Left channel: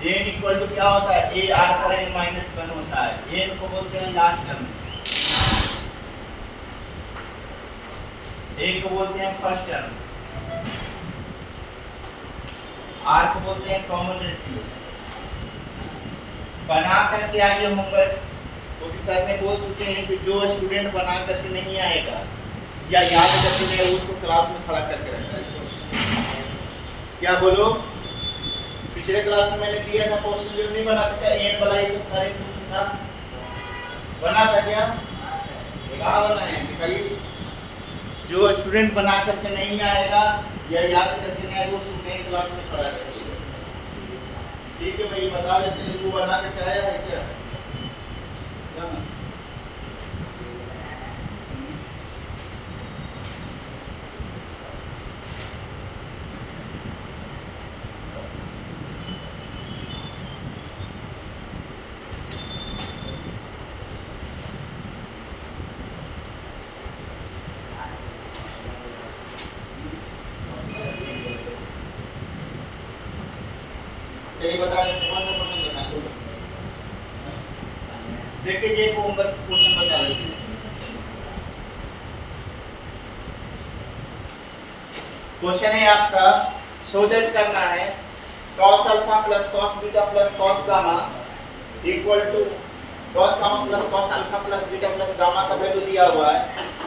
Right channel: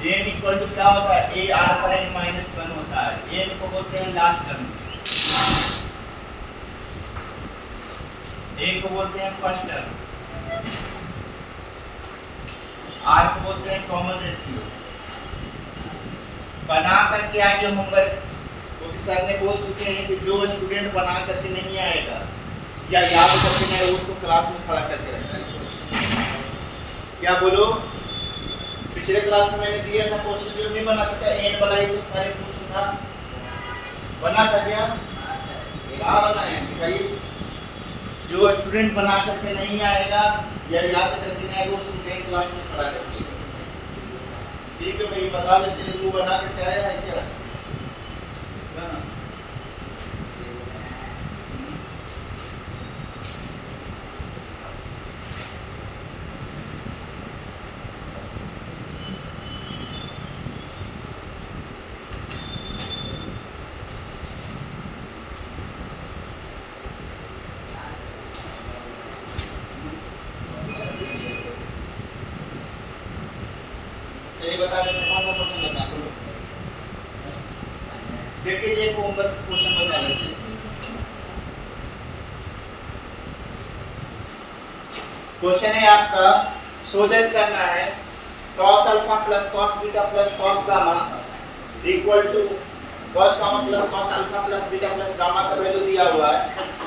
N equal to क्या होता है, ए आर पर एन माइनस वन होता है, एन को बोलते हैं लास्ट टर्म, ए को बोलते हैं फर्स्ट टर्म, आर को बोलते हैं कॉमन रेशियो। बना करके आइए होमवर्क, क्योंकि सर ने बोल चुके हैं कि जो स्टूडेंट बना करके नहीं आएगा या याद करके नहीं आएगा उसको क्लास में खड़ा करके रखना है। क्या बोलो, पिछले क्लास में मैंने दिया था क्वेश्चन जो नहीं बना था, एन वाला ही तो सारे क्वेश्चन था, बना था क्या, कहाँ बनाया दिखाइए। जो स्टूडेंट बना करके नहीं आएगा या याद करके नहीं आएगा उसको मेन क्लास में खड़ा करके, ठीक है। मैं ये बता देते हैं वो बना के आया है क्या, हाँ। ये बता देते हैं कौन सा क्वेश्चन बता दो, देखिए ये होमवर्क क्वेश्चन बता देते हैं। क्वेश्चन है आपका, सो दैट करना है cos alpha plus cos beta plus cos gamma equal to cos gamma plus cos alpha plus beta plus gamma का वैल्यू दिया हुआ है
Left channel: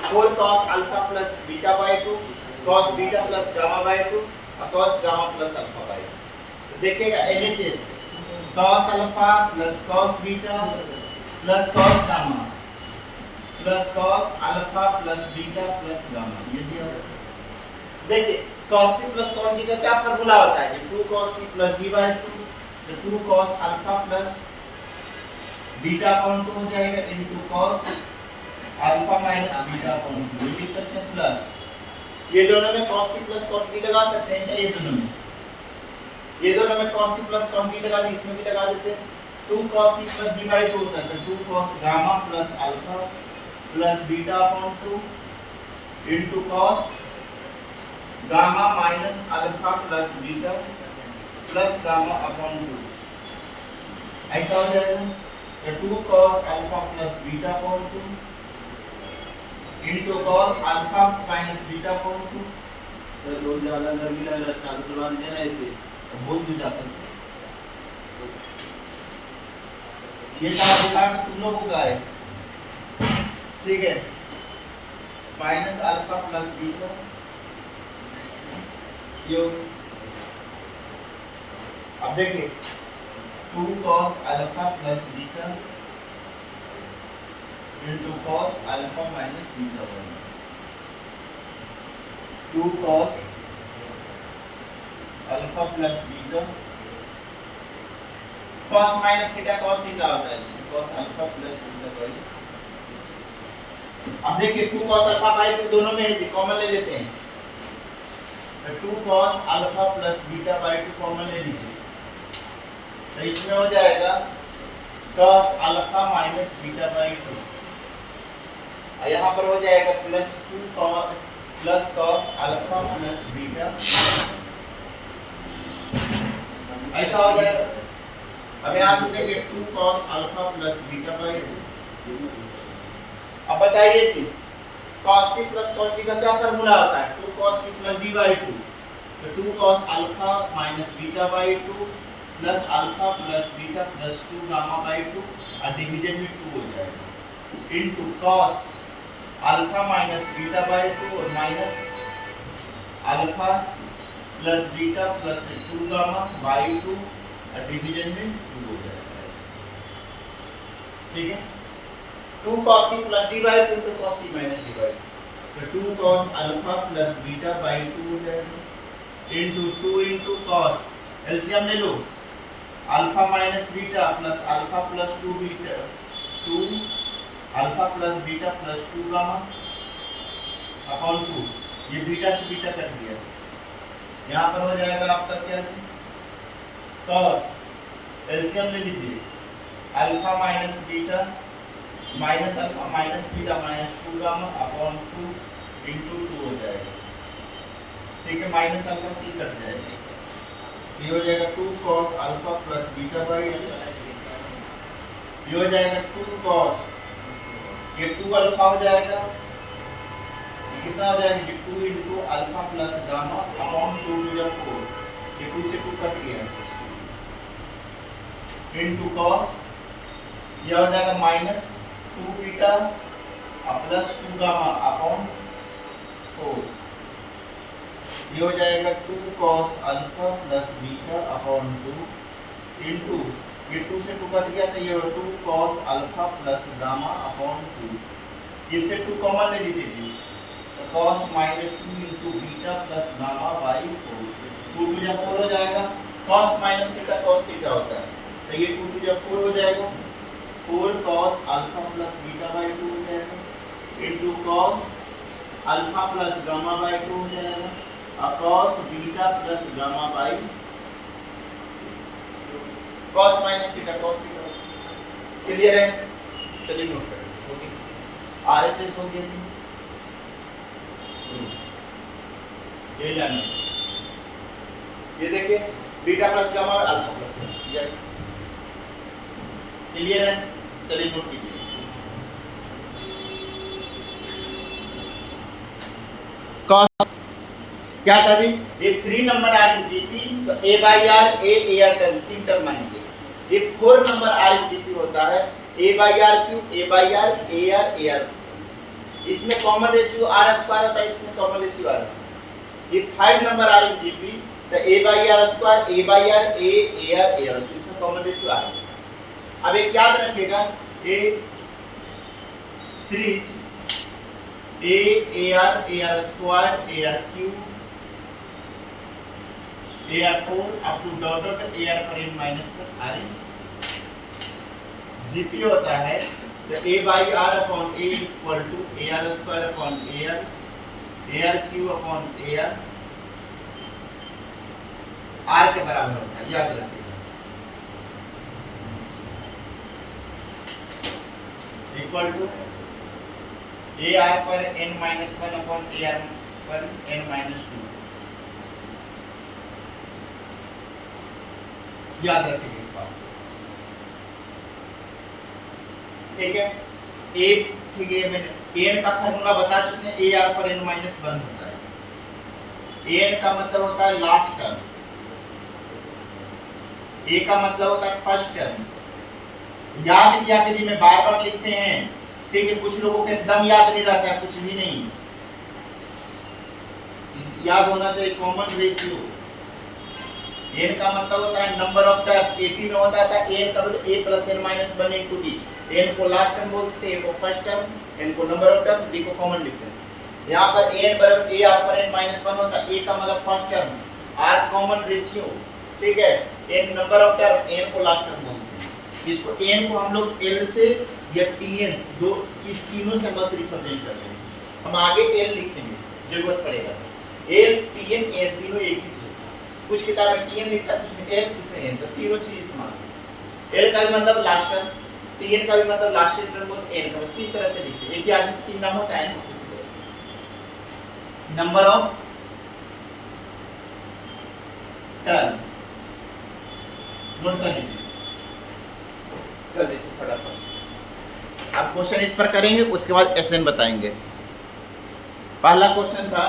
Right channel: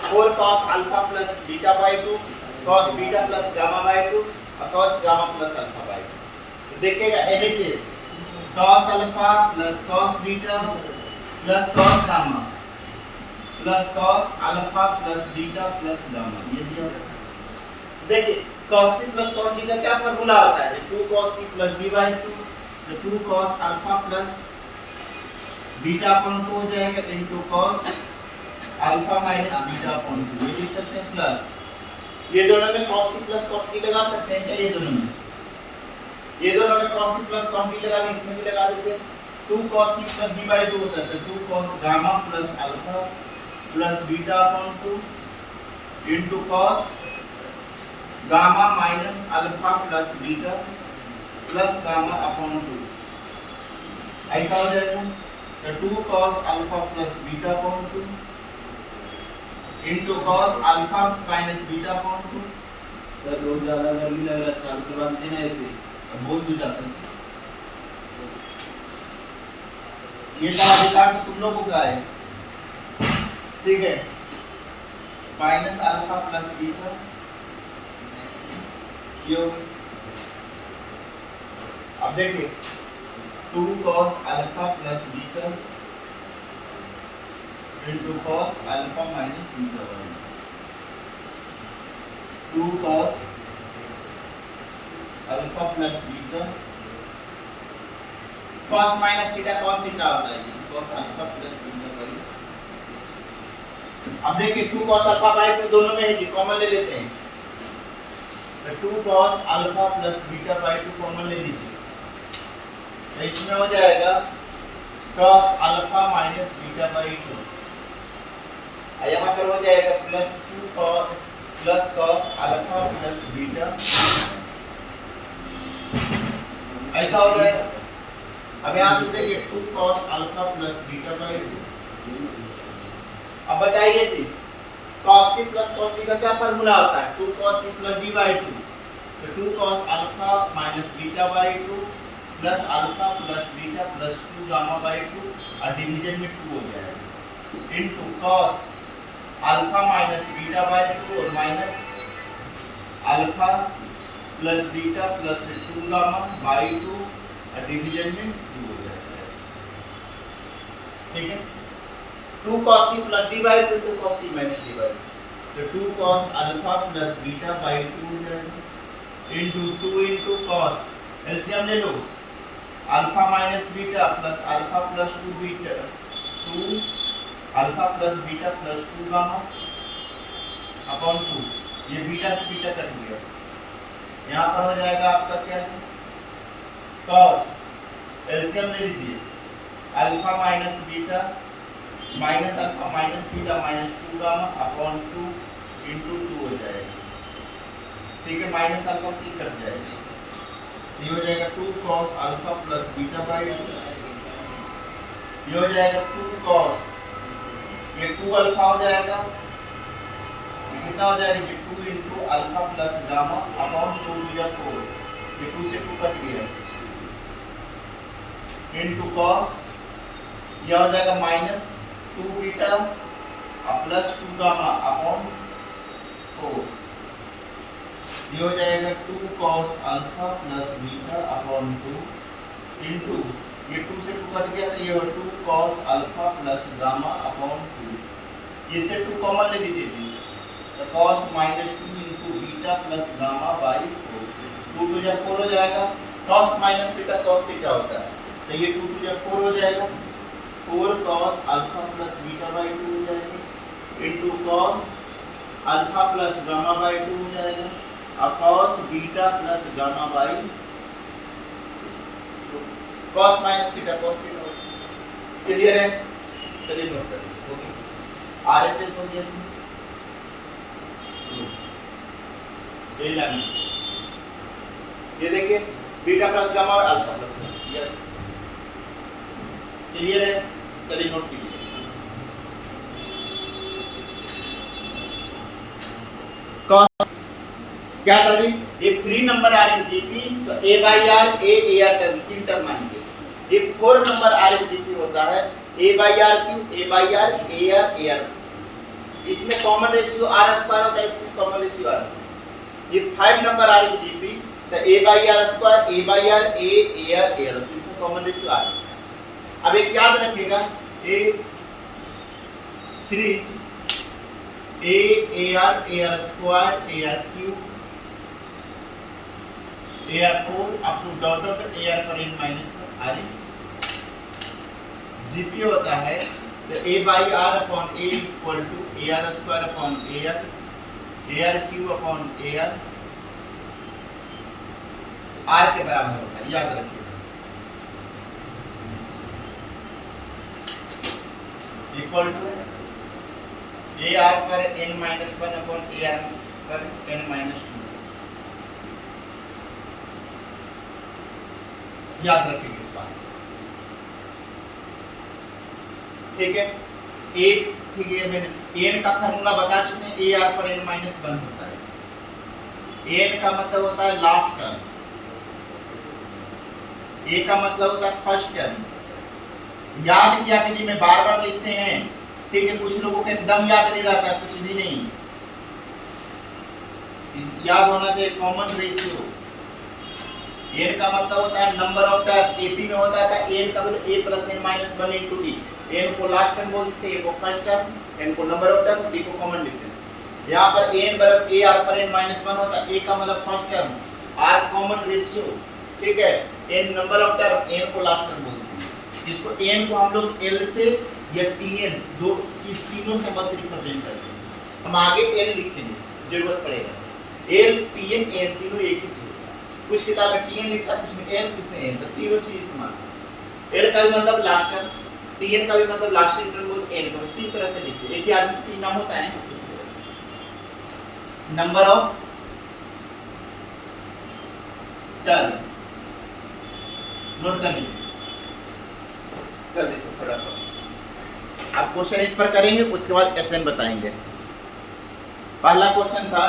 4 cos alpha plus beta by 2 cos beta plus gamma by 2 और cos gamma plus alpha by 2। देखिएगा LHS cos alpha plus cos beta plus cos gamma plus cos alpha plus beta plus gamma, ये दिया हुआ। देखिए cos c plus cos d का क्या formula होता है, 2 cos c plus d by 2, तो 2 cos alpha plus beta upon 2 हो जाएगा into cos alpha minus beta upon 2, ये लिख सकते हैं प्लस, ये दोनों में cos c plus cos d लगा सकते हैं क्या, ये दोनों में cos c plus cos d लगा दें, इसमें भी लगा देते हैं। 2 cos c plus d by 2 होता है, तो 2 cos gamma plus alpha plus beta upon 2 into cos gamma minus alpha plus beta plus gamma upon 2, ऐसा हो जाएगा। तो 2 cos alpha plus beta upon 2 into cos alpha minus beta upon 2। Sir रोज ज्यादा गर्मी लग रहा था, तो बात देना इसे बोल दो जाता है ये सारा रिकॉर्ड तो तुम लोगों का है, ठीक है। माइनस अल्फा प्लस बीटा योग, अब देखिए 2 cos alpha plus beta into cos alpha minus beta, 2 cos alpha plus beta cos minus theta cos theta होता है जी, cos alpha plus beta bye. अब देखिए 2 cos अल्फा बाय 2 दोनों में है जी, कॉमन ले लेते हैं, तो 2 cos alpha plus beta by 2 common ले लीजिए, तो इसमें हो जाएगा cos alpha minus beta by 2, और यहाँ पर हो जाएगा plus 2 cos alpha plus beta, ऐसा हो जाएगा। अब यहाँ से देखिए 2 cos alpha plus beta by 2। अब बताइए जी cos c plus cos d का क्या फार्मूला होता है, 2 cos c plus d by 2, तो 2 cos alpha minus beta by 2 plus alpha plus beta plus 2 gamma by 2 और डिवीजन में 2 हो जाएगा into cos alpha minus beta by 2 और minus alpha plus beta plus 2 gamma by 2 और division में 2 हो जाएगा, ठीक है। 2 cos c plus d by 2 तो cos c minus d by 2, तो 2 cos alpha plus beta by 2 हो जाएगा इनटू 2 इनटू cos, एलसीएम ले लो, alpha minus beta plus alpha plus 2 beta 2 alpha plus beta plus 2 gamma upon 2, ये beta से beta cut गया, यहाँ पर हो जाएगा आपका क्या है cos, एलसीएम ले लीजिए, alpha minus beta minus alpha minus beta minus 2 gamma upon 2 into 2 हो जाएगा, ठीक है। माइनस अल्फा से कट जाएगा, ये हो जाएगा 2 cos alpha plus beta by 2, ये हो जाएगा 2 cos, ये 2 अल्फा हो जाएगा, ये कितना हो जाएगा, ये 2 into alpha plus gamma upon 2 to the 4, ये 2 से 2 कट गया, इंटू cos, यह हो जाएगा minus 2 beta plus 2 gamma upon 4, ये हो जाएगा 2 cos alpha plus beta upon 2 into, ये 2 से 2 कट गया तो ये 2 cos alpha plus gamma upon 2, इससे 2 कॉमन ले लीजिए जी, तो cos minus 2 into beta plus gamma by 4, 2 टू जा 4 हो जाएगा, cos minus theta cos theta होता है, तो ये 2 टू जा 4 हो जाएगा, 4 cos alpha plus beta by 2 हो जाएगा into cos alpha plus gamma by 2 हो जाएगा और cos beta plus gamma by cos minus theta cos theta. Clear है? चलिए नोट करें। ओके, RHS हो गया थी, ये लाना, ये देखिए बीटा प्लस गामा और अल्फा प्लस गामा। क्लियर है? चलिए नोट कीजिए। क्या था जी, एक 3 नंबर आर इन जीपी तो a by R A R term 3 term मानेंगे, एक 4 नंबर आर इन जीपी होता है a by r cube a by R A r, इसमें कॉमन रेशियो आर स्क्वायर होता है, इसमें कॉमन रेशियो आर। ये 5 नंबर आर इन जीपी तो a by are square a by R A r, इसमें common ratio r. अब एक याद रखिएगा, a series a are square a r cube AR4 up to डॉटर पर AR पर n माइनस पर आर जीपी होता है तो a by R upon a equal to AR square upon AR cube upon AR r के बराबर होता है, याद रखिएगा। इक्वल टू AR पर n माइनस 1 अपॉन AR पर n माइनस 2, याद रखिए इस बात। ठीक है, एक ठीक है, मैंने n का फॉर्मूला बता चुके हैं, a r पर n माइनस 1 होता है, n का मतलब होता है लास्ट टर्म, a का मतलब होता है फर्स्ट टर्म। याद किया कि जी मैं बार बार लिखते हैं, ठीक है, कुछ लोगों को एकदम याद नहीं रहता, कुछ भी नहीं याद होना चाहिए। कॉमन रेशियो n का मतलब होता है नंबर ऑफ टर्म, एपी में होता था n का मतलब a plus n minus 1 into d, n को लास्ट टर्म बोलते हैं, a को फर्स्ट टर्म, n को नंबर ऑफ टर्म, d को कॉमन लिखते हैं। यहाँ पर n बराबर a r पर n माइनस 1 होता है, a का मतलब first term, r common ratio, ठीक है, n number of term, n को लास्ट टर्म बोलते हैं। इसको n को हम लोग l से या tn दो ये तीनों सिंबल से रिप्रेजेंट करते हैं, हम आगे l लिखेंगे जरूरत पड़ेगा, l tn n तीनों एक ही चीज, कुछ किताब में tn लिखता है, कुछ में l, इसमें n, तो तीनों चीज इस्तेमाल करते हैं। l का भी मतलब लास्ट टर्म, tn का भी मतलब लास्ट टर्म बोल, n का तीन तरह से लिखते हैं, एक ही आदमी को तीन नाम होता है ना, इस तरह नंबर ऑफ टर्म नोट कर लीजिए जल्दी से फटाफट। अब क्वेश्चन इस पर करेंगे, उसके बाद एसएन बताएंगे। पहला क्वेश्चन था,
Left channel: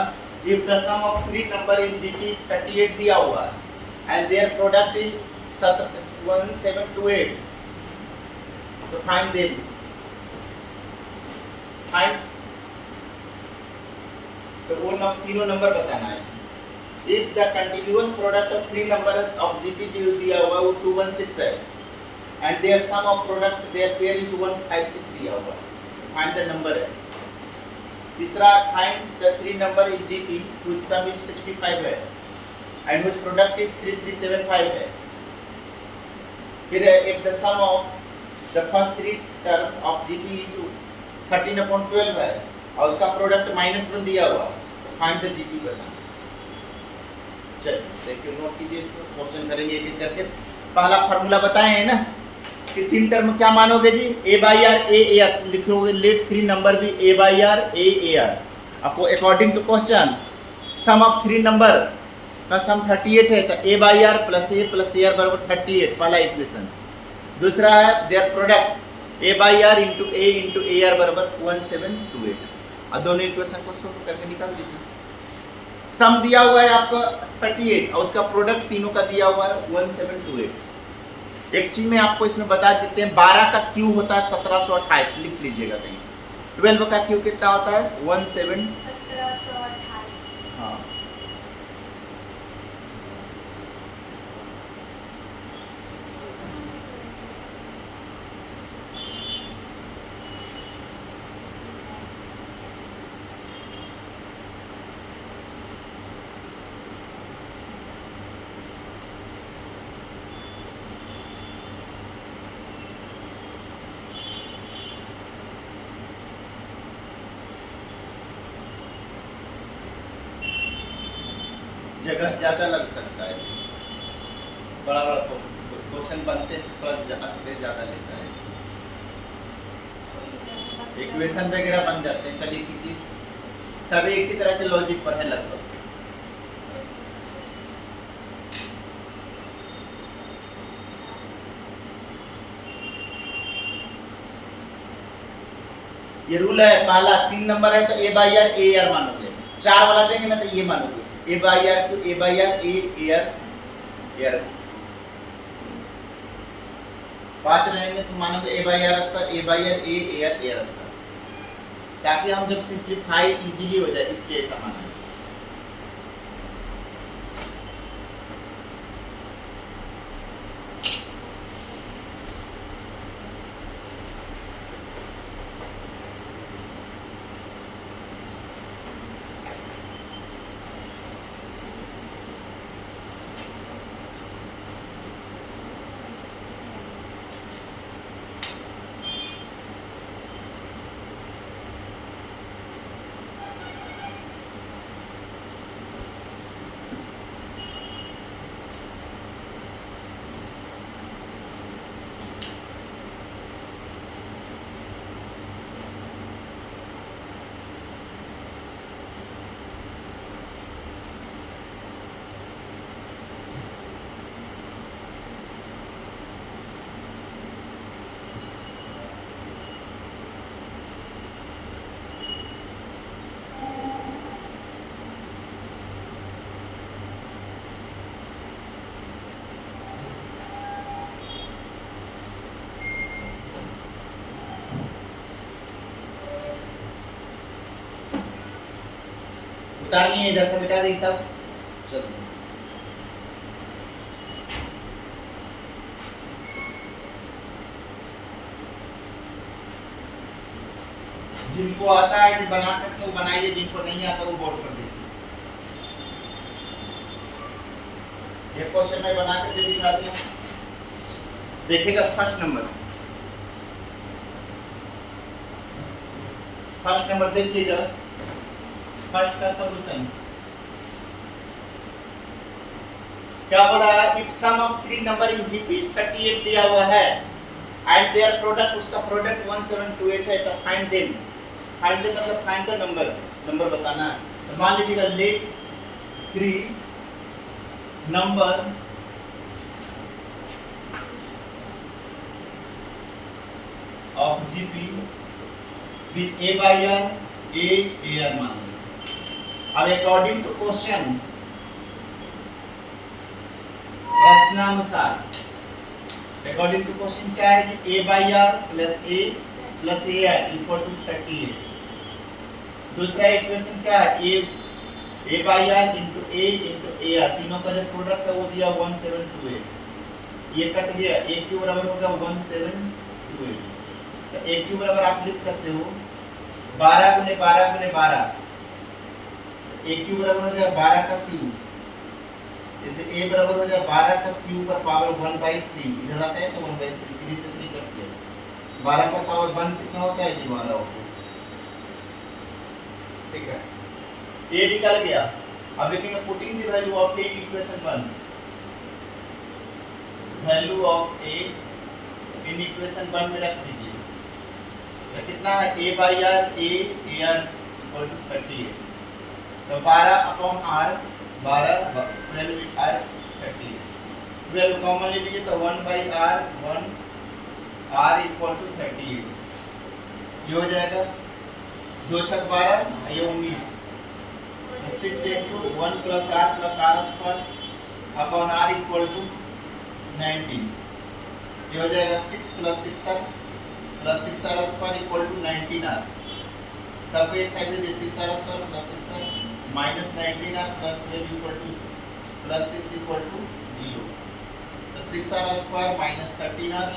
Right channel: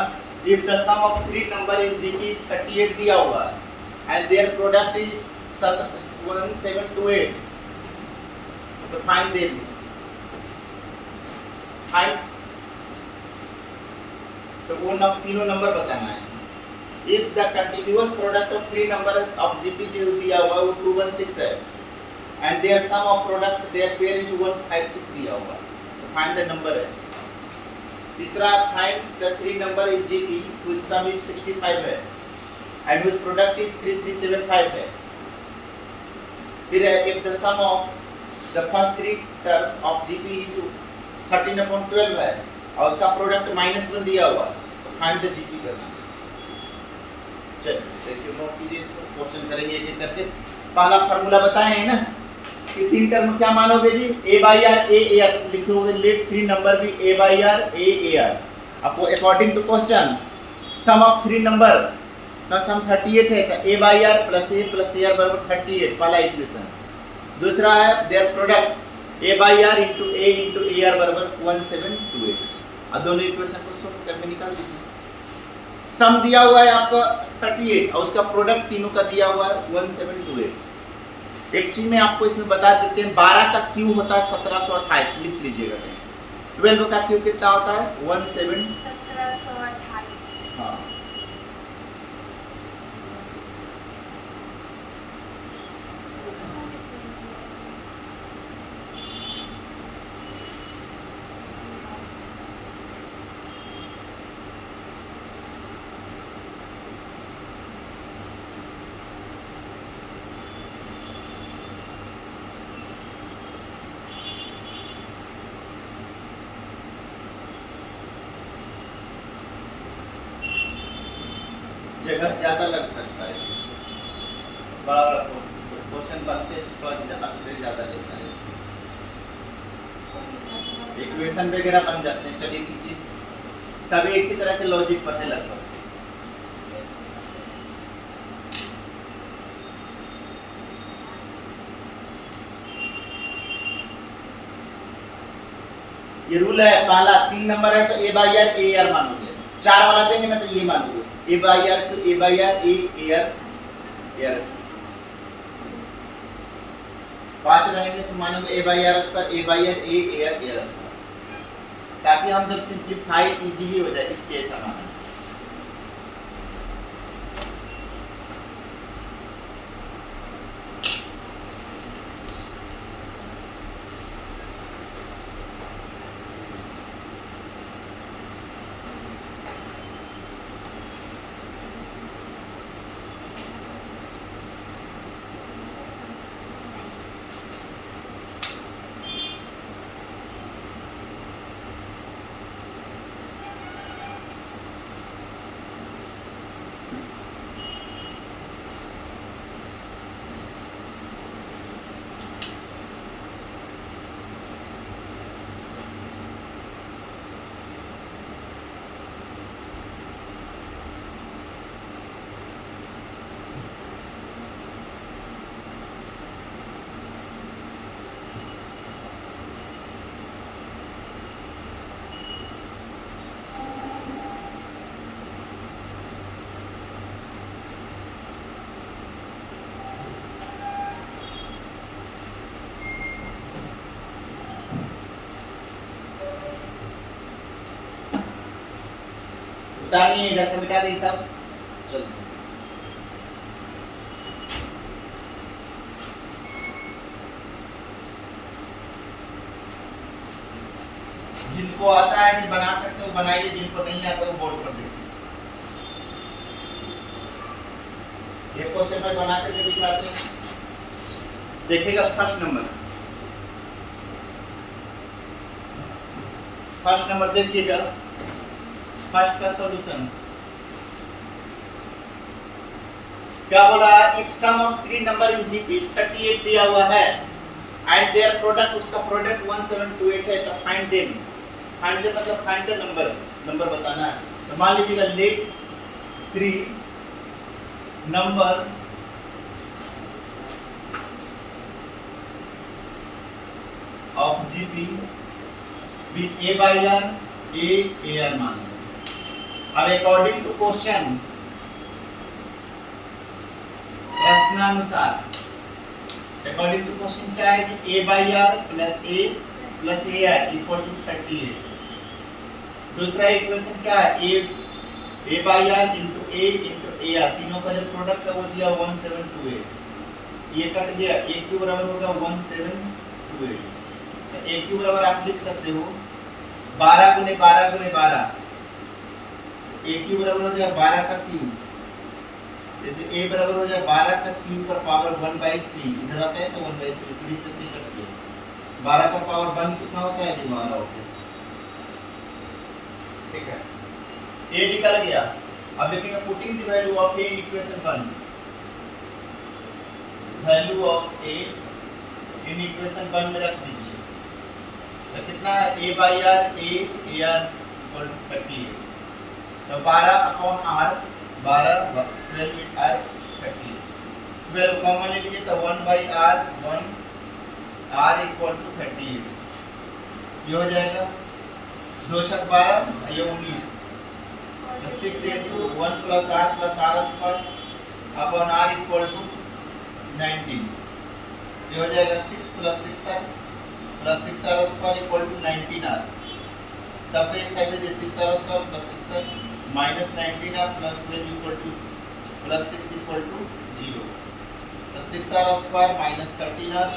if the sum of 3 number in GP is 38 दिया हुआ है and their product is 1728, तो find them, find, तो वो तीनों नंबर बताना है। if the continuous product of 3 number of GP जो दिया हुआ वो 216 है and their sum of product their pair is 156 दिया हुआ, तो find the number है। तीसरा, find the 3 number in GP whose sum is 65 है and whose product is 3375 है। फिर है, if the sum of the first 3 term of GP is 13/12 है और उसका प्रोडक्ट -1 दिया हुआ है, तो find the GP करना है। चलिए देखिए, नोट कीजिए इसको, क्वेश्चन करेंगे एक एक करके। पहला फार्मूला बताए हैं ना कि 3 टर्म क्या मानोगे जी, a by R A r लिखोगे, लेट 3 नंबर भी a by R A r. आपको according to question sum of 3 number का सम 38 है, तो a by r plus a बराबर 38 पहला इक्वेशन। दूसरा है their product a by are into a r बराबर 1728। और दोनों इक्वेशन को सॉल्व करके निकाल दीजिए। सम दिया हुआ है आपको 38 और उसका प्रोडक्ट तीनों का दिया हुआ है 1728। एक चीज में आपको इसमें बता देते हैं, 12 का क्यू होता है 1728, लिख लीजिएगा कहीं। 12 का क्यू कितना होता है 1728। हाँ। जगह ज्यादा लग सकता है, बड़ा बड़ा क्वेश्चन बनते हैं थोड़ा स्पेस ज्यादा लेता है, इक्वेशन वगैरह बन जाते हैं। चलिए कीजिए, सभी एक ही तरह के लॉजिक पर है लगभग। ये रूल है, पहला 3 नंबर है तो a by R A R मानोगे, 4 वाला देंगे ना तो ये मानोगे a by R to a by R A R. 5 रहेंगे तो मानोगे a by are square a by R A R square, ताकि हम जब सिंपलीफाई इजीली हो जाए इसके ऐसा माना। मिटानी है, इधर का मिटा दे सब। चलो जिनको आता है कि बना सकते हो बनाइए, जिनको नहीं आता वो बोर्ड पर देखिए। ये क्वेश्चन मैं बना करके दिखाते हैं, देखिएगा। फर्स्ट नंबर देखिएगा, फर्स्ट का सॉल्यूशन क्या बोला, if sum of 3 number in GP 38 दिया हुआ है एंड देयर प्रोडक्ट, उसका प्रोडक्ट 1728 है, तो फाइंड देम। फाइंड देम मतलब फाइंड द नंबर बताना है। तो मान लीजिएगा let 3 number of GP with a by r a r मान लो। अब अकॉर्डिंग टू क्वेश्चन, प्रश्नानुसार अकॉर्डिंग टू क्वेश्चन क्या है कि a by r plus a r equal to 38। दूसरा इक्वेशन क्या है, a by r into a r, तीनों का जो प्रोडक्ट है वो दिया 1728। ये कट गया, a क्यू बराबर होगा 1728। तो a क्यू बराबर आप लिख सकते हो 12 गुने 12 गुने 12, a क्यू बराबर हो जाएगा 12 का क्यू। जैसे a बराबर हो जाए 12 का क्यू पर पावर 1/3, इधर आता है तो 1/3, 3 से 3 कट गया। 12 का पावर 1 कितना होता है, 12 होता है। ठीक है, a निकल गया। अब देखेंगे putting the value of a in equation 1, value of a in equation 1 में रख दीजिए। तो कितना है, a by r a r और 38। तो 12 अपॉन r 12 12 आर 30 12 कॉमन ले लीजिए तो 1/r 1 r इक्वल टू 38 ये हो जाएगा 2 छक 12 ये 19 तो 6 into 1 plus r square upon r equal to 19 ये हो जाएगा 6 plus 6r square equal to 19r सबको एक साइड में दे 6r square plus 6r minus 19r plus 12 equal to plus 6 equal to 0 तो 6r square minus 13r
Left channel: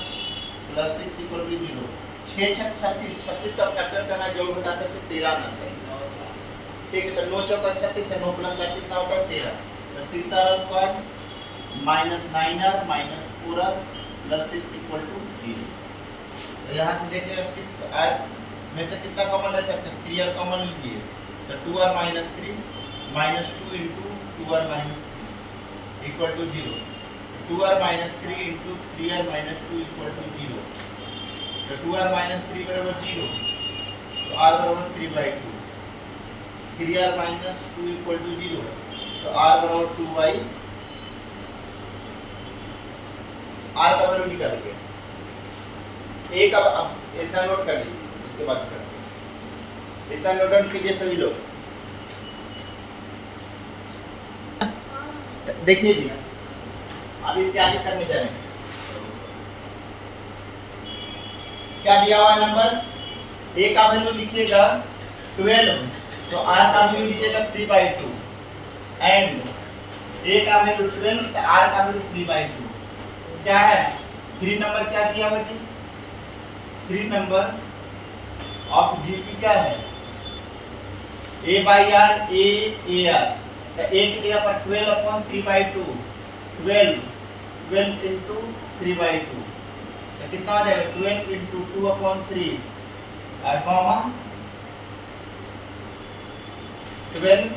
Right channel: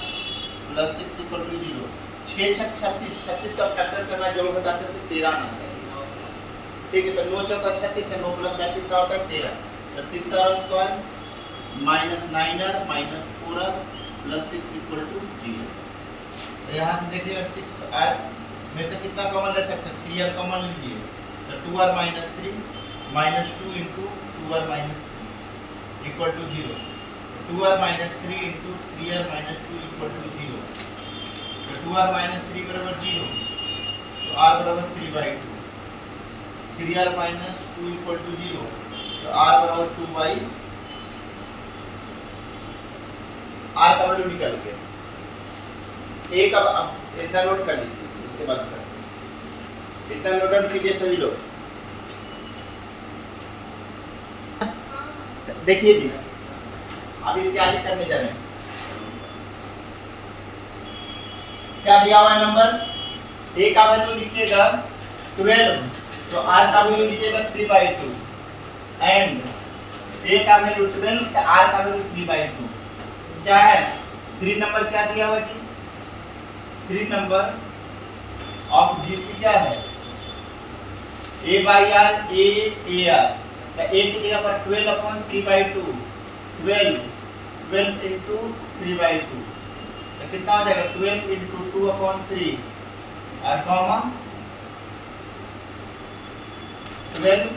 plus 6 equal to 0 6 छक 36 36 का factor करना जोड़ घटाकर तो 13 आना चाहिए ठीक है तो 9 चौका 36 है 9 प्लस 4 कितना होता है 13 तो 6r square minus 9r minus 4r plus 6 equal to 0 तो यहाँ से देखिएगा 6r में से कितना कॉमन ले सकते हैं 3r कॉमन लीजिए तो 2r minus 3 minus 2 into 2r minus 3 equal to 0 2r minus 3 into 3r minus 2 equal to 0 तो 2r minus 3 बराबर 0 तो r बराबर 3/2 3r minus 2 equal to 0 तो r बराबर 2/, r का वैल्यू निकल गया एक अब इतना नोट कर लीजिए इसके बाद करेंगे इतना नोट डाउन कीजिए सभी लोग देखिए जी अब इसके आगे करने जा रहे हैं क्या दिया हुआ है नंबर a का वैल्यू लिखिएगा 12 तो r का वैल्यू लीजिएगा 3/2 एंड a का वैल्यू 12 तो r का वैल्यू 3/2 क्या है 3 नंबर क्या दिया हुआ जी 3 नंबर ऑफ जीपी क्या है a/r a तो a की जगह पर 12/3/2 12 into 3/2 तो कितना हो जाएगा 12 into 2/3 और कॉमा 12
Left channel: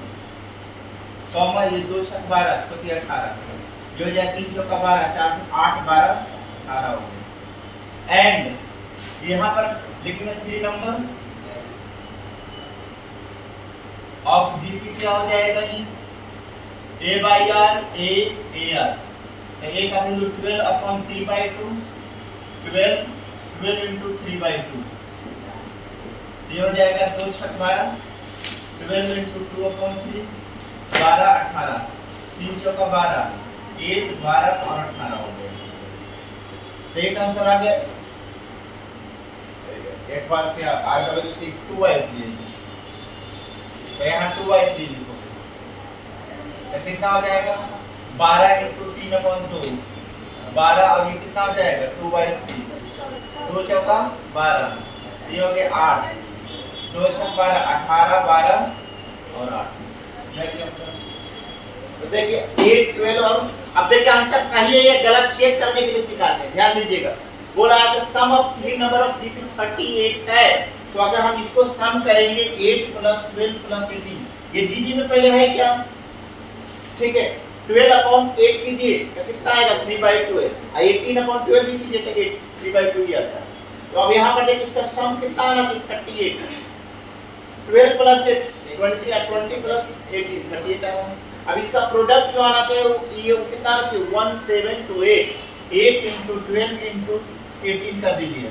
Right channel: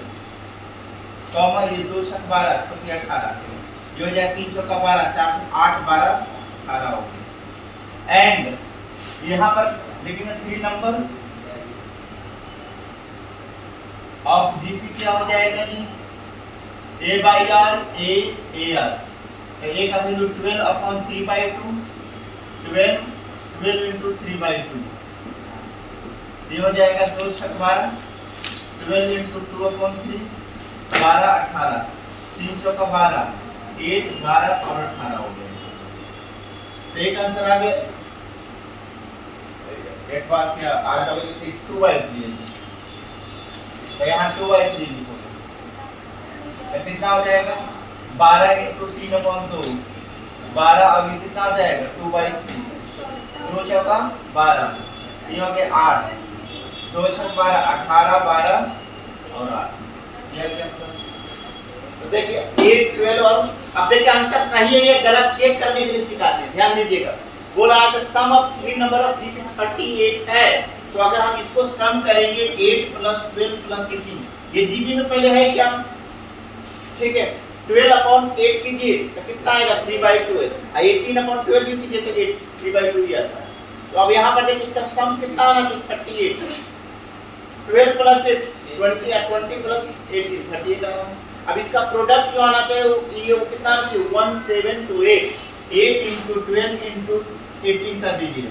कॉमा ये 2 छक 12 चौकी 18 ये हो जाएगा 3 चौका 12 4 8 12 18 हो गया एंड यहाँ पर लिखेंगे 3 नंबर ऑफ जीपी क्या हो जाएगा जी a/r a/r तो a का वैल्यू 12/3/2 12 into 3/2 ये हो जाएगा 2 छक 12 12 into 2/3 12 18 3 चौका 12 8 12 और 18 हो गए तो एक आंसर आ गया एक बार क्या r का वैल्यू 2/3 तो यहाँ 2/3 लिखोगे तो कितना हो जाएगा 12 into 3/2 12 और ये कितना हो जाएगा 2/3 2 चौका 12 ये हो गया 8 2 छक 12 18 12 और 8 ये क्या तो देखिए 8 12 और अब देखिए आंसर सही है या गलत चेक करने के लिए सिखाते हैं ध्यान दीजिएगा बोला है कि सम ऑफ 3 नंबर ऑफ जीपी 38 है तो अगर हम इसको सम करेंगे 8 + 12 + 18 ये जीपी में पहले है क्या ठीक है 12/8 कीजिए तो कितना आएगा 3/2 है 18/12 भी कीजिए तो 3/2 ही आता है तो अब यहाँ पर देखिए इसका सम कितना आना चाहिए 38 12 + 8 20 + 18 38 आ रहा है अब इसका प्रोडक्ट जो आना चाहिए ये कितना आना चाहिए 1728 8 into 12 into 18 कर दीजिए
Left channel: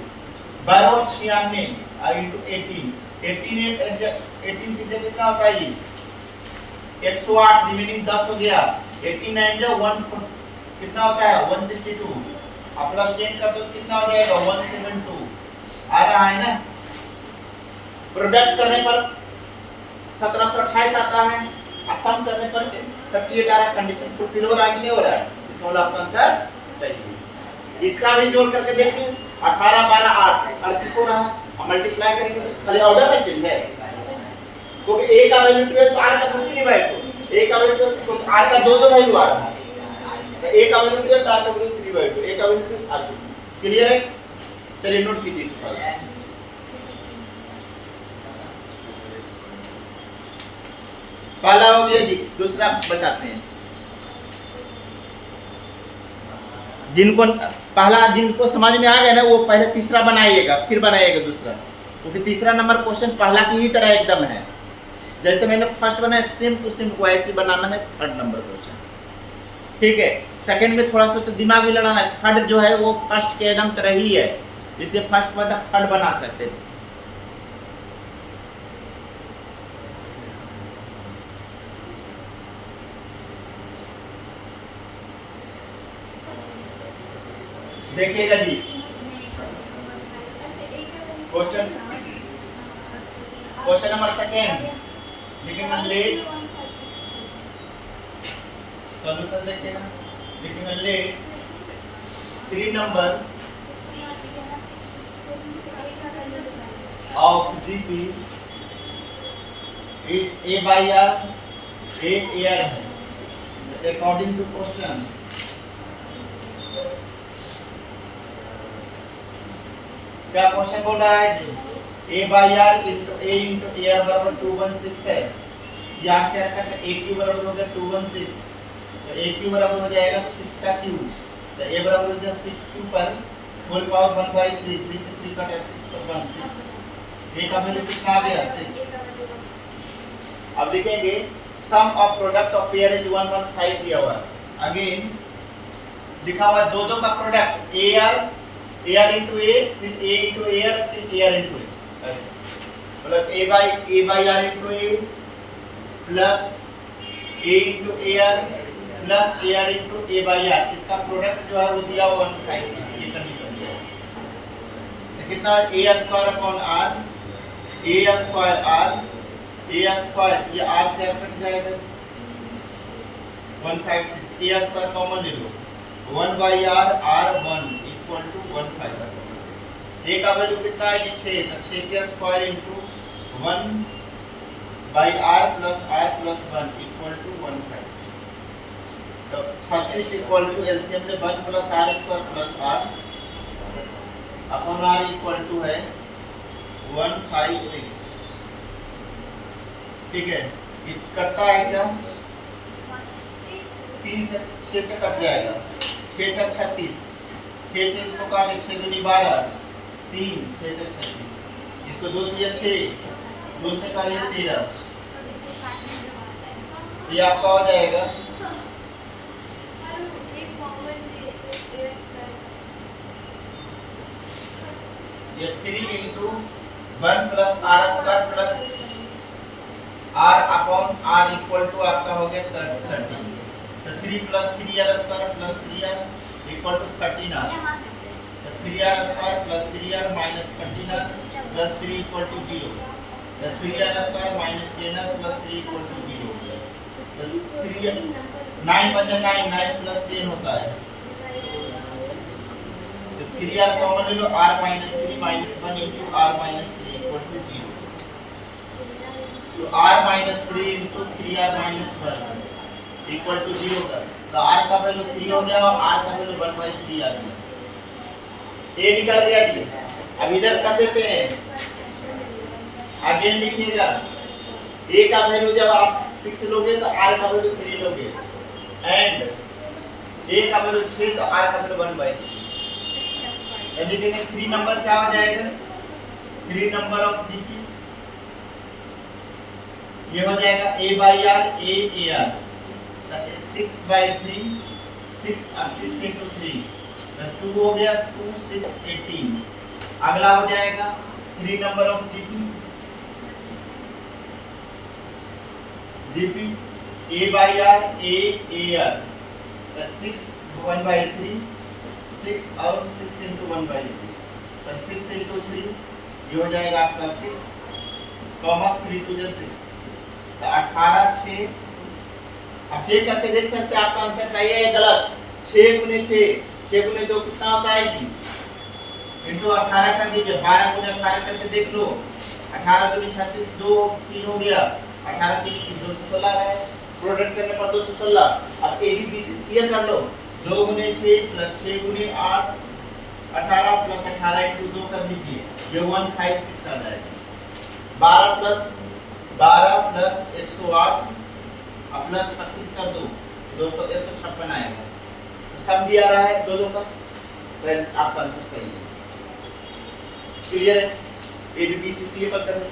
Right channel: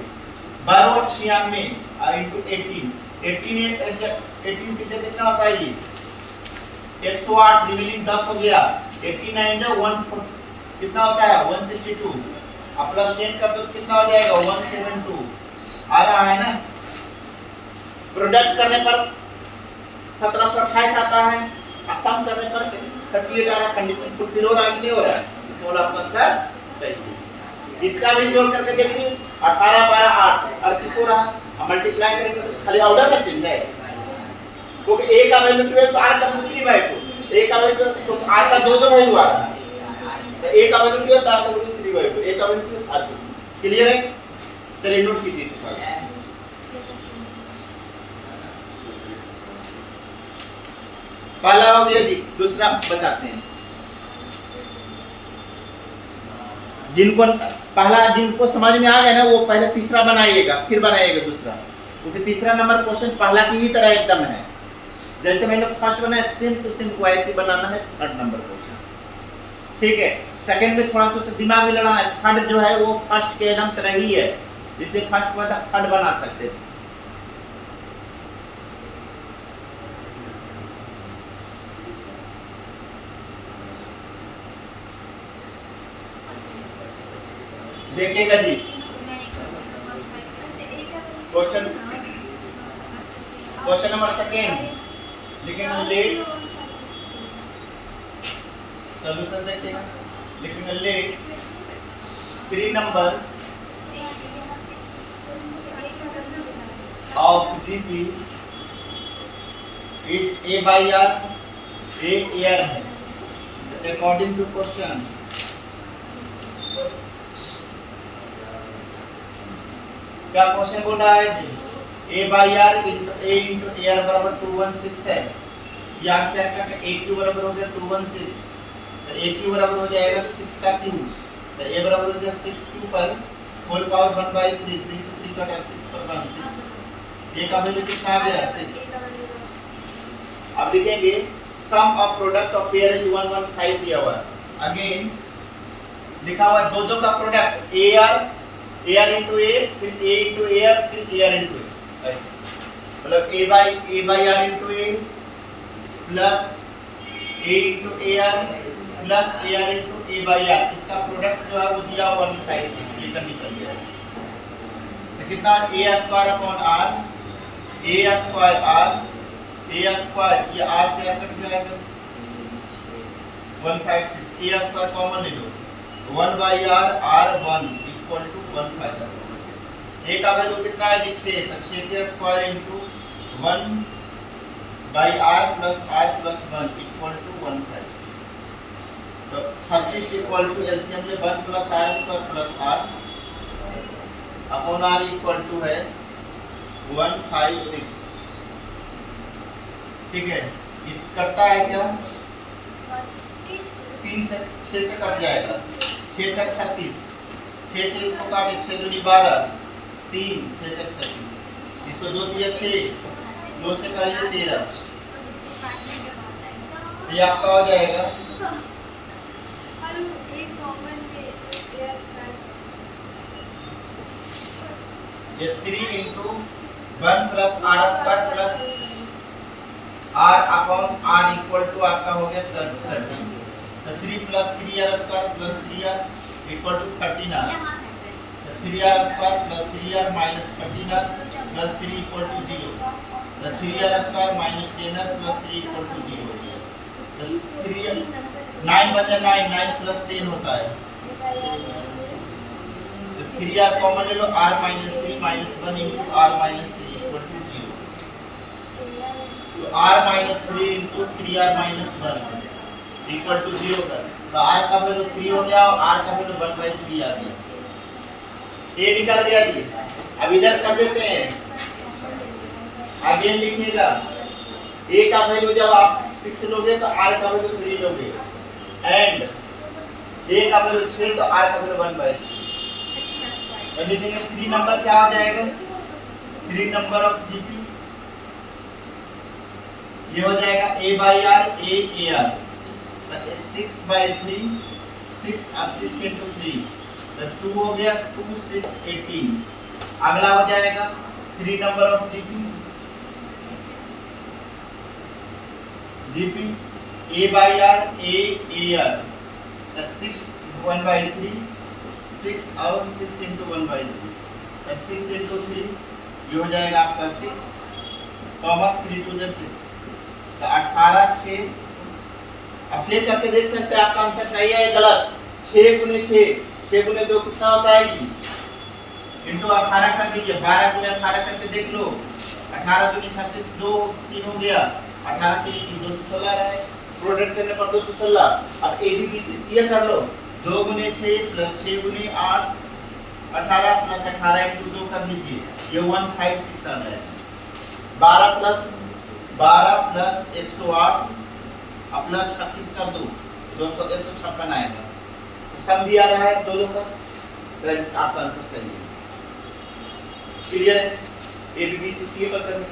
12 और 96 into 18 18 से कितना होता है ये 108 रिमेनिंग 10 हो गया 89 जो 1 कितना होता है 162 अब प्लस 10 कर दो कितना हो जाएगा 172 आ रहा है ना प्रोडक्ट करने पर 1728 आता है और सम करने पर 38 आ रहा है कंडीशन फुलफिल हो रहा है कि नहीं हो रहा है इसका मतलब आपका आंसर सही है इसका भी जोड़ करके देखिए 18 12 8 38 हो रहा है अब मल्टीप्लाई करेंगे तो खाली ऑर्डर में चेंज है क्योंकि a का वैल्यू 12 तो r का वैल्यू 3/2 a का वैल्यू तो r का दो वैल्यू आ रहा है तो a का वैल्यू 12 तो r का वैल्यू 3/2 a का वैल्यू r क्लियर है चलिए नोट कीजिए इस पर पहला हो गया जी दूसरा बताते हैं जिनको समझ में आ गया ना वो पहले तीसरा बनाइएगा फिर बनाइएगा दूसरा क्योंकि तीसरा नंबर क्वेश्चन पहला की ही तरह एकदम है जैसे मैंने फर्स्ट बनाया सेम टू सेम वैसे बनाना है थर्ड नंबर क्वेश्चन। ठीक है, सेकंड में थोड़ा सा तो दिमाग भी लगाना है, थर्ड जो है वो फर्स्ट के एकदम तरह ही है, इसलिए फर्स्ट में थर्ड बना सकते हैं। देखिएगा जी क्वेश्चन नंबर सेकेंड लिखेंगे लेट, सॉल्यूशन देखिएगा, लिखेंगे let 3 number of GP is A by are, A R है अकॉर्डिंग टू क्वेश्चन। क्या क्वेश्चन बोल रहा है जी, a by are into A into R बराबर 216 है, यहाँ से करके a क्यूब बराबर हो गया 216, तो a क्यूब बराबर हो जाएगा 6 का क्यूब, तो a बराबर हो जाएगा 6 क्यूब पर होल पावर 1/3, 3 से 3 कटा 6 पर 1 6, a का वैल्यू कितना आ गया 6। अब लिखेंगे sum of product of pair is 115 दिया हुआ है, अगेन लिखा हुआ है दो का प्रोडक्ट AR into A, फिर A into AR, फिर AR into A, ऐसे मतलब A by R into A plus A into AR plus AR into A by R, इसका प्रोडक्ट जो है वो दिया हुआ 156, ये कंडीशन दिया है, तो कितना A square upon R, A square ये R से R कट जाएगा 156, A स्क्वायर कॉमन ले लो, 1 by R 1 equal to 1/5। A का वैल्यू कितना है जी 6, तो 6 के square into 1 by r plus r plus 1 equal to 1/5, तो 36 इक्वल टू एलसीएम ले 1 plus r square plus r upon r equal to है 156। ठीक है, ये कटता है क्या 3 से 6 से कट जाएगा, 6 6 36, 6 से इसको काटे 6 दूनी 12, 3 6 6 36, इसको 2 दिया 6, 2 से काटिए 13, ये आपका हो जाएगा ये 3 into 1 plus r square plus r upon r equal to आपका हो गया 30, तो 3 plus 3r square plus 3r equal to 39, तो 3r square plus 3r minus 39 plus 3 equal to 0, तो 3r square minus 10r plus 3 equal to 0 हो गया, तो 3 9 बचा 9 9 प्लस 10 होता है, तो 3r कॉमन ले लो, r minus 3 minus 1 into r minus 3 equal to 0, तो r minus 3 into 3r minus 1 equal to 0 का, तो r का वैल्यू 3 हो गया और r का वैल्यू 1/3 आ गया, a निकल गया जी। अब इधर कर देते हैं, अब ये लिखिएगा a का वैल्यू जब आप 6 लोगे तो r का वैल्यू 3 लोगे, एंड a का वैल्यू 6 तो r का वैल्यू 1/3, तो लिखेंगे 3 नंबर क्या हो जाएगा, 3 नंबर ऑफ जीपी ये हो जाएगा a by r a ar, 6/3, 6 और 6 into 3, तो 2 हो गया, 2 6 18, अगला हो जाएगा 3 number of GP a by r a ar, तो 6 1/3, 6 और 6 into 1/3, तो 6 into 3 ये हो जाएगा आपका 6 कॉमा 3 to 6, तो 18 6, अब चेक करके देख सकते हैं आपका आंसर सही है या गलत। 6 गुने 2 कितना होता है जी, इंटू 18 कर दीजिए, 12 गुने 18 करके देख लो, 18 दूनी 36, 2 3 हो गया, 18 3 216 है, प्रोडक्ट करने पर 216। अब एबीबीसी सीए कर लो, 2 गुने 6 प्लस 6 गुने 8 18 प्लस 18 इंटू 2 कर लीजिए, ये 156 आ जाएगा। 12 प्लस 108 अब प्लस 36 कर दो, 156 आएगा, सम भी आ रहा है दोनों का, तो आपका आंसर सही है। क्लियर है, एबीबीसी सीए पर करना।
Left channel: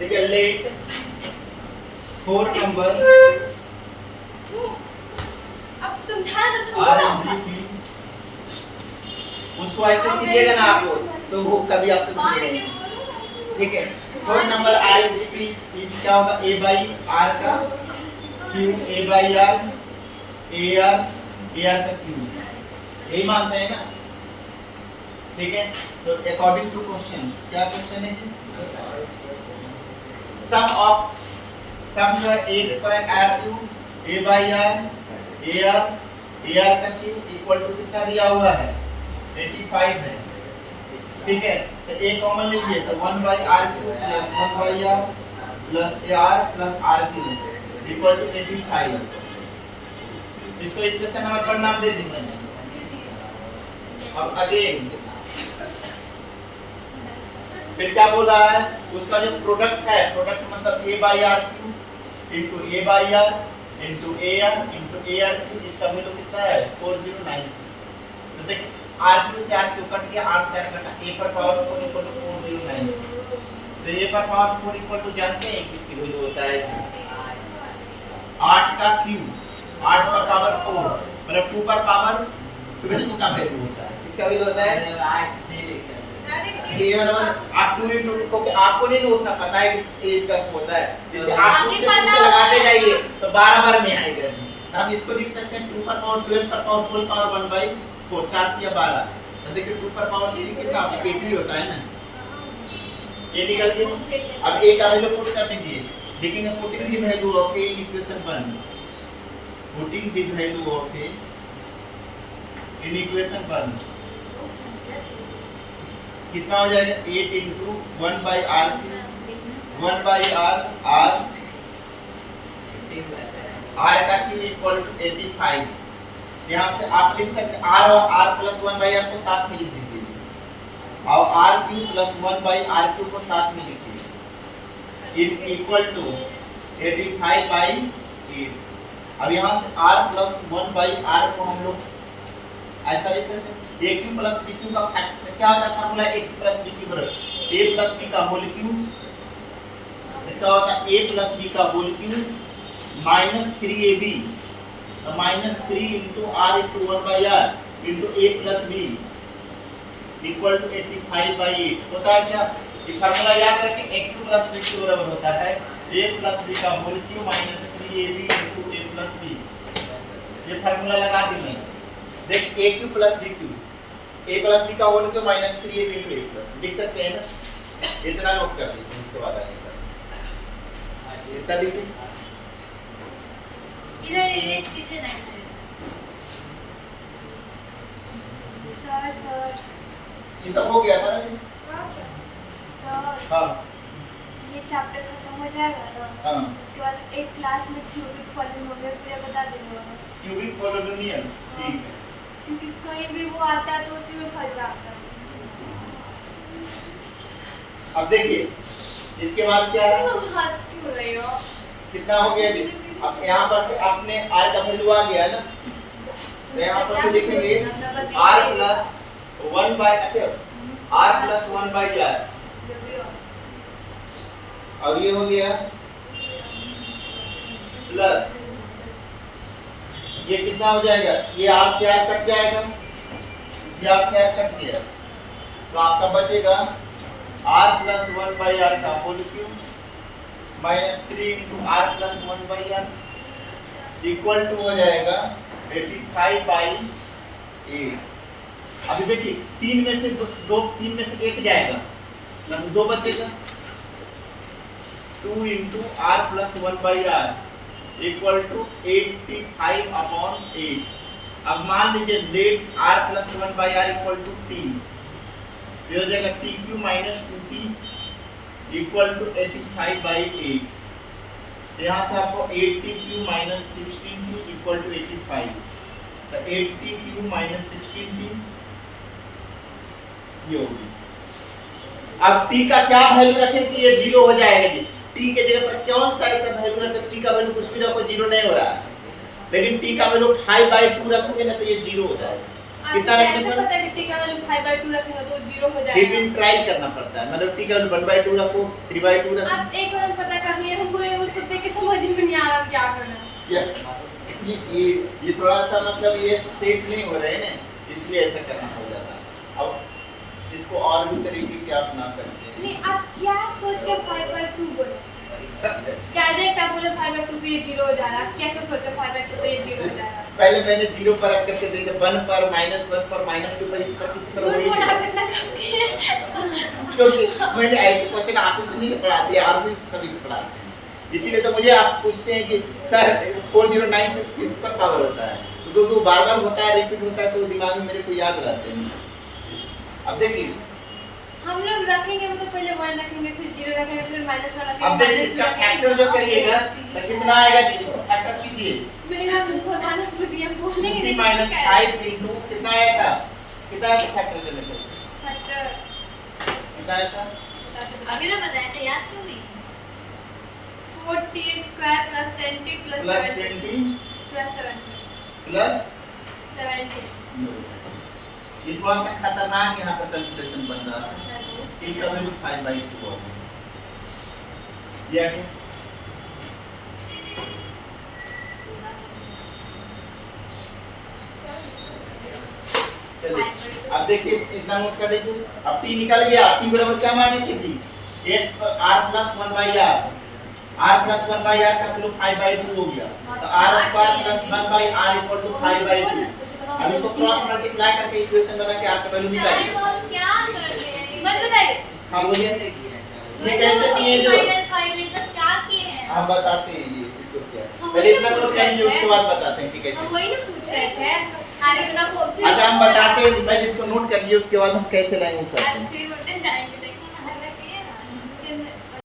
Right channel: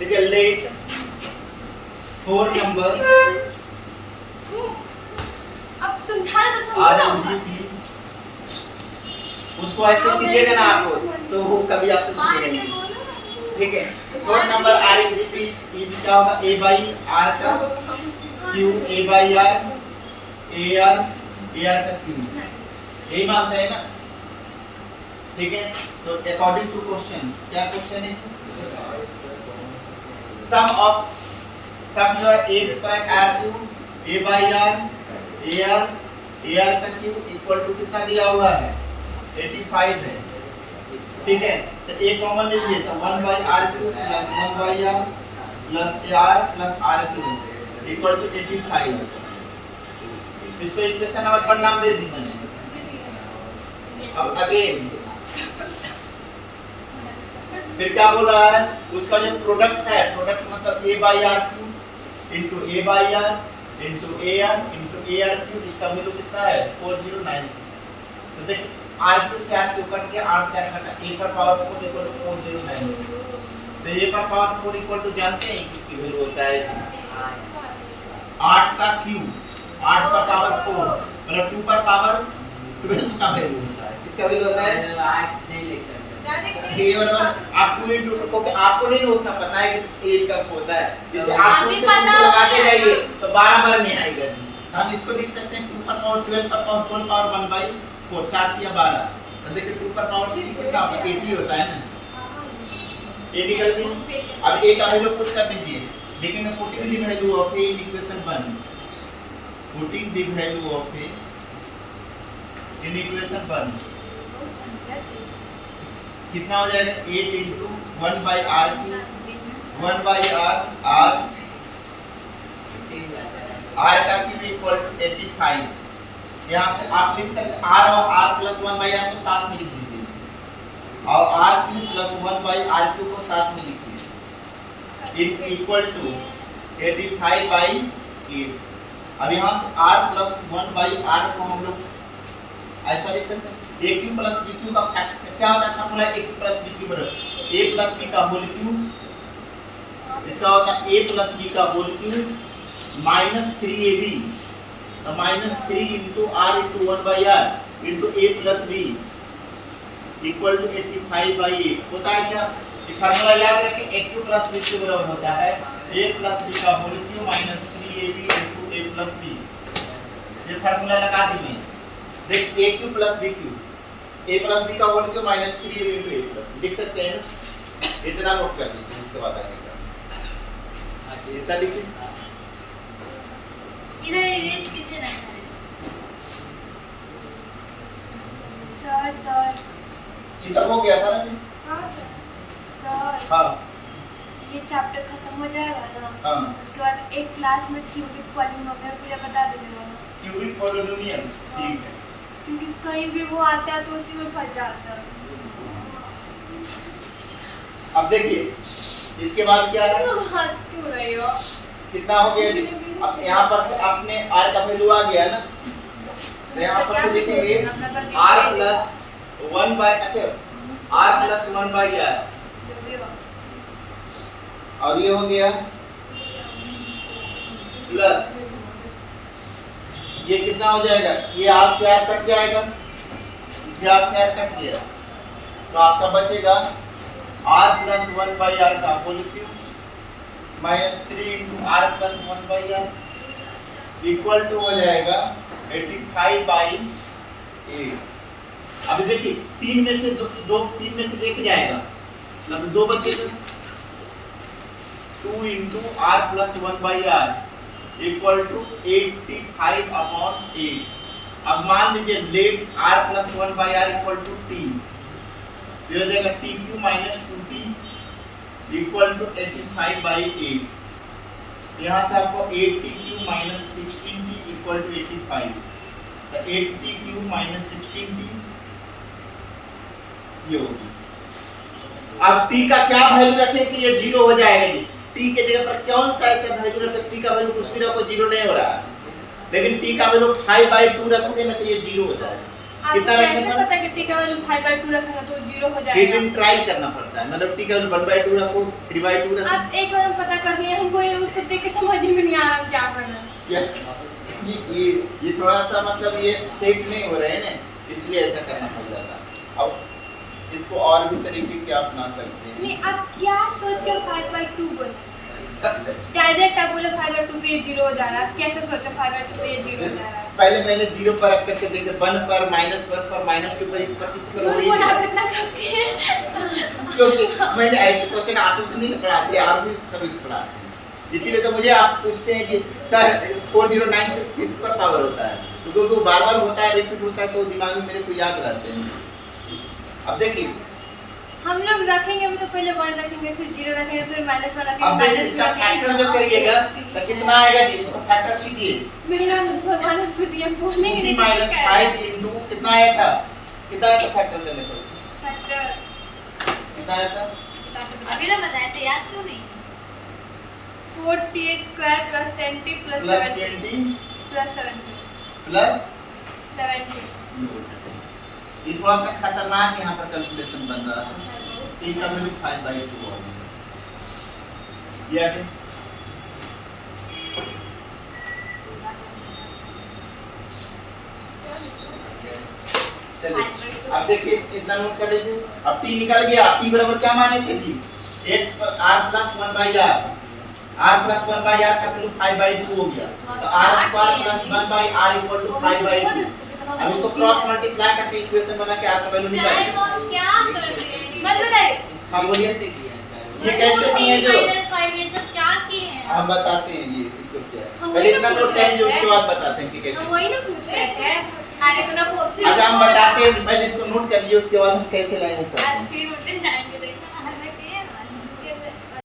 ठीक है, लेट 4 नंबर अब समझाना तो समझो RMGP, उसको ऐसे कीजिएगा ना आप लोग तो वो कभी आपसे पूछेगा नहीं। ठीक है, 4 नंबर RMGP इज क्या होगा, A by R का Q, A by R AR का Q, यही मानते हैं ना। ठीक है, तो अकॉर्डिंग टू क्वेश्चन, क्या क्वेश्चन है जी, सम जो है 8 by R2 A by R AR का Q इक्वल टू कितना दिया हुआ है, 85 है। ठीक है, तो A कॉमन लीजिए तो 1 by R2 plus 1 by R plus AR plus RQ equal to 85। इसको इक्वेशन नंबर 1 नाम दे देंगे। अब अगेन फिर क्या बोल रहा है, उसका जो प्रोडक्ट है, प्रोडक्ट मतलब A by RQ into A by R into AR into ARQ, इसका वैल्यू कितना है 4096। तो देखिए RQ से RQ कट गया, R से R कटा, A पर पावर 4 इक्वल टू 4096। तो A पर पावर 4 इक्वल टू जानते हैं किसकी वैल्यू होता है, 8 का Q, 8 पर पावर 4 मतलब 2 पर पावर 12 का वैल्यू होता है। किसका वैल्यू होता है, 8 नहीं लिख सकते। ये बराबर 8 2 into क्योंकि आपको नहीं उतना पता है कि 8 का होता है, इसलिए 8 2 से लगाते जाइए तो 12 बार में आएगा जी। हम इसको लिख सकते हैं 2 पर पावर 12 पर पावर 4 पावर 1 by 4 4 या 12। तो देखिए 2 पर पावर 3 कितना होता है, 80 होता है ना, ये निकल गया। अब A का वैल्यू पुट कर दीजिए, लेकिन putting the value of A in equation 1, putting the value of A in equation 1 कितना हो जाएगा, 8 into 1 by R Q 1 by R R का Q इक्वल टू 85। यहाँ से आप लिख सकते हैं R और R प्लस 1 by R को साथ में लिख दीजिए और R Q plus 1 by R Q को साथ में लिख दीजिए इक्वल टू 85 by 8। अब यहाँ से R प्लस 1 by R को हम लोग ऐसा लिख सकते हैं, AQ प्लस BQ का फैक्टर क्या होता है, फार्मूला AQ प्लस BQ बराबर A प्लस B का होल क्यूब, इसका होता है A प्लस B का होल क्यूब माइनस 3AB, तो minus 3 into R into 1 by R into A plus B equal to 85 by 8 होता है क्या, ये फार्मूला याद रखें, AQ प्लस BQ बराबर होता है A प्लस B का whole cube minus 3AB into A plus B। ये फार्मूला लगा दिए, देख AQ plus BQ A plus B का whole cube minus 3AB into A plus लिख सकते हैं ना, इतना नोट कर लीजिए, उसके बाद आगे इतना लिखिए, इधर इरेज कीजिए ना सर ये सब हो गया था ना जी। सर हाँ ये चैप्टर खत्म हो जाएगा ना, हाँ, उसके बाद एक क्लास में क्यूबिक पॉलिनोमियल पूरा बता दूंगा, क्यूबिक पॉलिनोमियल, ठीक है, क्योंकि कहीं भी वो आता है तो उसी में फंस जाता है। अब देखिए इसके बाद क्या है, हंस क्यों रही हो, कितना हो गया जी। अब यहाँ पर से आपने R का वैल्यू आ गया ना, तो यहाँ पर से लिखेंगे R प्लस 1 by, अच्छा R प्लस 1 by R, और ये हो गया प्लस ये कितना हो जाएगा, ये R से R कट जाएगा, ये R से R कट गया, तो आपका बचेगा R प्लस 1 by R का whole cube minus 3 into R plus 1 by R equal to हो जाएगा 85 by 8। अभी देखिए 3 में से तीन में से एक जाएगा, मतलब 2 बचेगा, 2 into R plus 1 by R equal to 85 upon 8। अब मान लीजिए let R plus 1 by R equal to T, ये हो जाएगा TQ minus 2T equal to 85 by 8। यहाँ से आपको 8TQ minus 16T equal to 85, तो 8TQ minus 16T ये होगी। अब T का क्या वैल्यू रखें कि ये 0 हो जाएगा जी, T के जगह पर कौन सा ऐसा वैल्यू रखें, T का वैल्यू कुछ भी रखो 0 नहीं हो रहा है, लेकिन T का वैल्यू 5/2 रखोगे ना तो ये 0 हो जाएगा। कितना आपको रखने कैसे पर? पता है कि टी का वैल्यू 5/2 रखेंगे तो 0 हो फिर जाएगा? भी ट्रायल करना पड़ता है, मतलब टी का 1/2 रखो, 3/2 रखो। आप एक बार पता कर लिए, हमको ये उसको देख के समझ में नहीं आ रहा क्या करना है। क्या ये थोड़ा सा मतलब ये सेट नहीं हो रहे हैं ना, इसलिए ऐसा करना पड़ जाता है। अब इसको और भी तरीके के अपना सकते हैं। नहीं, आप क्या सोच के 5/2 बोले? डायरेक्ट आप बोले 5/2 पे ये 0 हो जा रहा है, कैसे सोचे 5/2 पे ये 0 हो जा रहा है? पहले मैंने 0 पर रख करके देखे, 1 पर, -1 पर, -2 पर, इस पर, किसी पर झूठ वही बोला नहीं। आप इतना कब किए? क्योंकि मैंने ऐसे क्वेश्चन आपको भी नहीं पढ़ाते और भी सभी को पढ़ाते हैं, इसीलिए तो मुझे आप पूछते हैं कि सर 409 से किस पर पावर होता है, तो क्योंकि वो बार बार होता है, रिपीट होता है, तो दिमाग में मेरे को याद रहते हैं। अब देखिए, हम लोग रखेंगे भी तो पहले 1 रखेंगे, फिर 0 रखेंगे, फिर -1 रखेंगे। अब देखिए -2 इसका रखेंगे। फैक्टर जो करिएगा तो कितना आएगा जी, इसको फैक्टर कीजिए। मेरा भगवान को दिया बोलने 2t - 5 into कितना आया था, कितना आया था फैक्टर लेने पर, फैक्टर कितना आया था? अभी ना बताया था, याद क्यों नहीं? 4t² + 10t + प्लस 70 20 + 70 प्लस 70 ये थोड़ा सा खतरनाक यहाँ पर कैलकुलेशन बन रहा है। t का वैल्यू 5/2 हो गया, ये आगे चलिए। अब देखिए इतना नोट कर लीजिए, अब t निकल गया, t बराबर क्या माने थे जी, x पर r + 1/r, r + 1/r का वैल्यू 5/2 हो गया, तो r² + 1/r = 5/2। अब इसको क्रॉस मल्टीप्लाई करके इक्वेशन बना के r का वैल्यू निकाल सर वो क्या कर रहे हैं? मत बताइए। हाँ बोलिए, ये कैसे नहीं है जो -5 में सब क्या किए हैं? हम बताते हैं ये इसको क्या है। हम पहले वही इतना ना नोट पूछ कर लीजिए, रहे उसके थे। बाद बताते हैं कि कैसे। हम वही ना पूछ रहे थे। अरे इतना पूछ। अच्छा हम बताते हैं, पहले इसको नोट कर लीजिए, उसके बाद हम कैसे लाएंगे करते हैं। फिर